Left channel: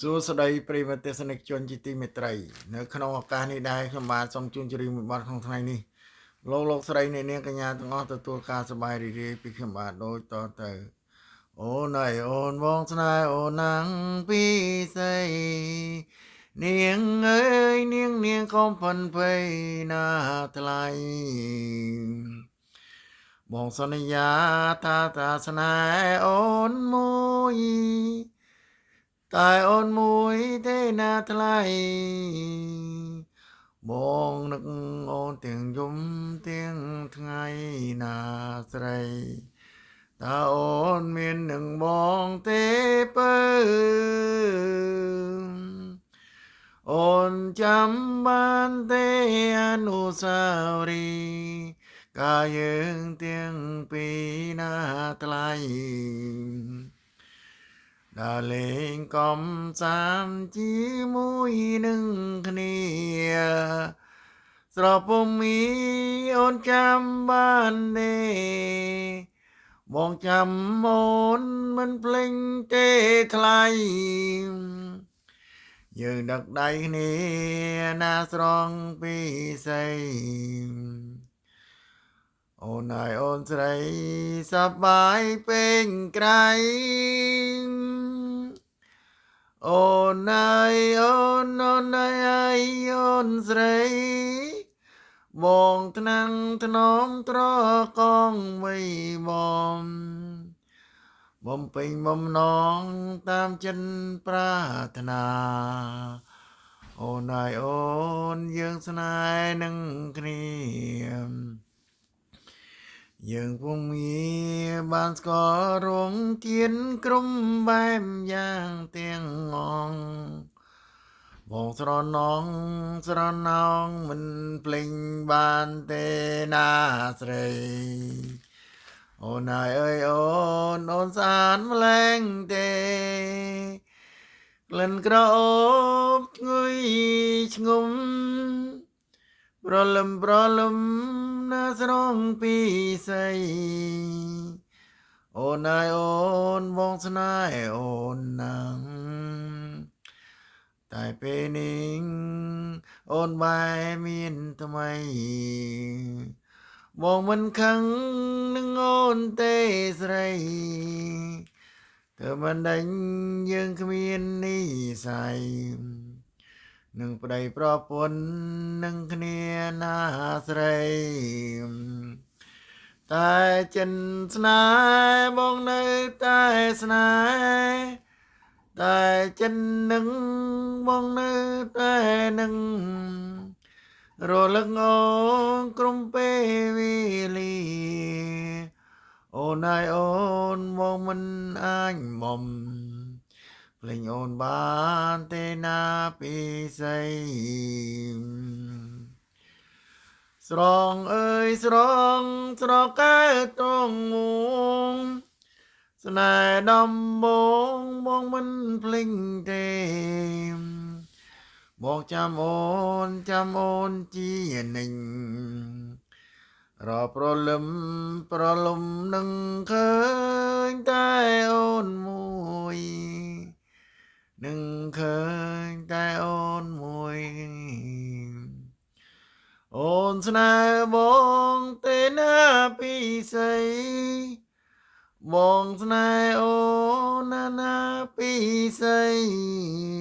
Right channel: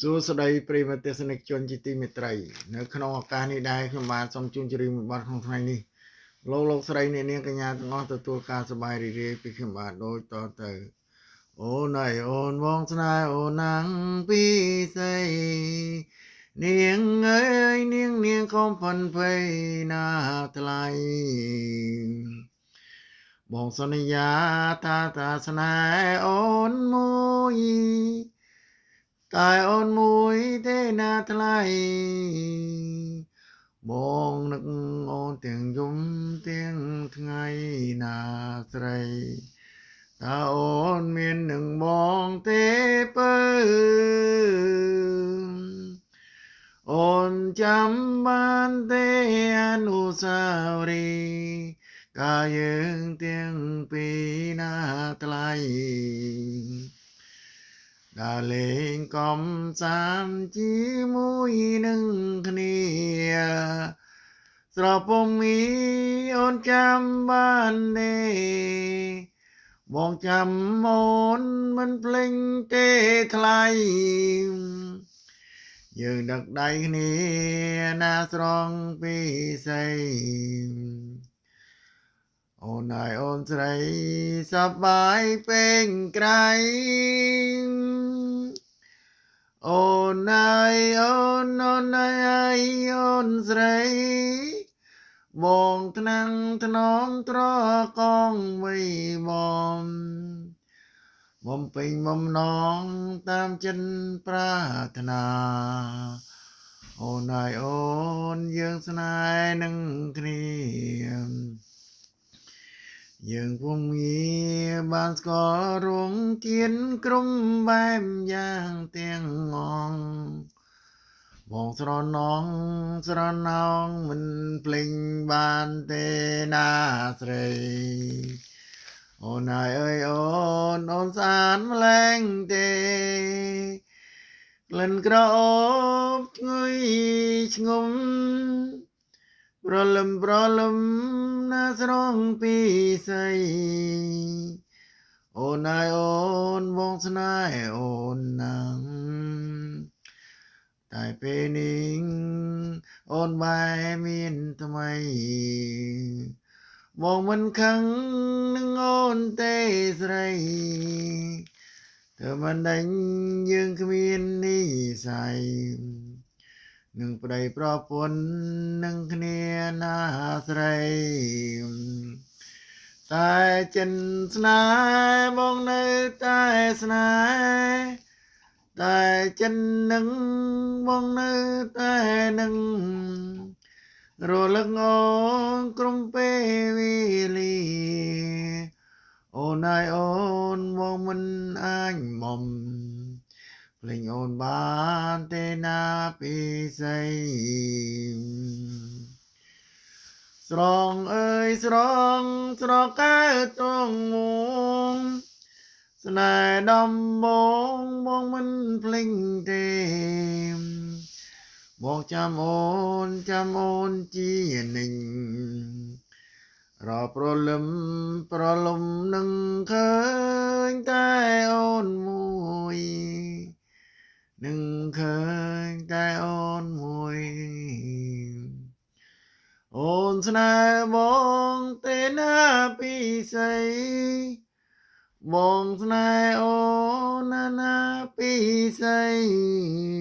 សួស្តីប្រិយមិត្តទស្សនិកជនជាទីមេត្រីនៅក្នុងឱកាសនេះដែរខ្ញុំបាទសូមជូនជម្រាបមួយបទក្នុងថ្ងៃនេះលោកស្រីអ្នកនាងកញ្ញាទាំងអស់ទទួលការសប្បាយរីករាយពីខ្ញុំបាទដូចតទៅអូនអើយអូនបងស្នេហ៍អូនណាំងពីស្អីនាងអើយនាងកុំផិនភ័យណាថ្លៃបងសន្យាថាស្នេហ៍អូនមួយតែអូនមួយទេណាថ្លៃបងនឹកអូនទាំងយំទាំងថ្ងៃណាស្រីតើអូនមាននឹងបងទេបើអូនចាំបានទេអនុស្សាវរីយ៍កាលយើងទាំងពីរណាថ្លៃដើរលេងកំសាន្តជាមួយនឹងគ្នាស្រពុំមីអូនចាំបានទេបងចាំអូនមិនភ្លេចទេថ្លៃយើងដឹកដៃគ្នាណាស្រង់ពីស្អីអូនអើយអូនស្រីសប្បាយពេញក្រៃអូនអើយអូនអើយអូនស្រីបងថ្នាំងថ្នមត្រកងមីបំបំពេញបំណងតាមចិនប្រាថ្នាអូនអើយអូនយើងស្នេហ៍នឹងគ្នាយើងពុំងារបានស្គាល់រងទៀនក្រុមបែបយ៉ាងទាំងងងបងស្រណងមិនភ្លេចបានទេណាស្រីអូនអើយអូនស្អាតម្លែងទេក្លិនក្រអូបឈ្ងុយឆ្ងុំប្រលឹមណាស្រងពីស្អីអូនអើយអូនបងស្នេហ៍អូនណាំងតែពេលនេះអូនបែរមានថ្មីបងមិនខឹងនឹងអូនទេស្រីធ្វើមិនដេញយើងគ្មាននិស្ស័យនឹងប្តីប្រពន្ធនឹងគ្នាណាស្រីតែចិនស្នេហ៍បងនៅតែស្នេហ៍តែចិននឹងបងនៅតែនឹងរលឹកអូនក្រុមពេលវេលាអូនអើយអូនបងមិនអាចបំភ្លេចអូនបានទេណាពីស្អីស្រងអើយស្រកែត្រង់មួងស្នេហ៍ដំបងមិនភ្លេចទេបងចាំអូនជានិញរប្រលឹមនឹងឃើញតែអូនមួយនឹងឃើញតែអូនមួយអូនស្នេហ៍បងទេណាពីស្អីបងស្នេហ៍អូនណាពីស្អី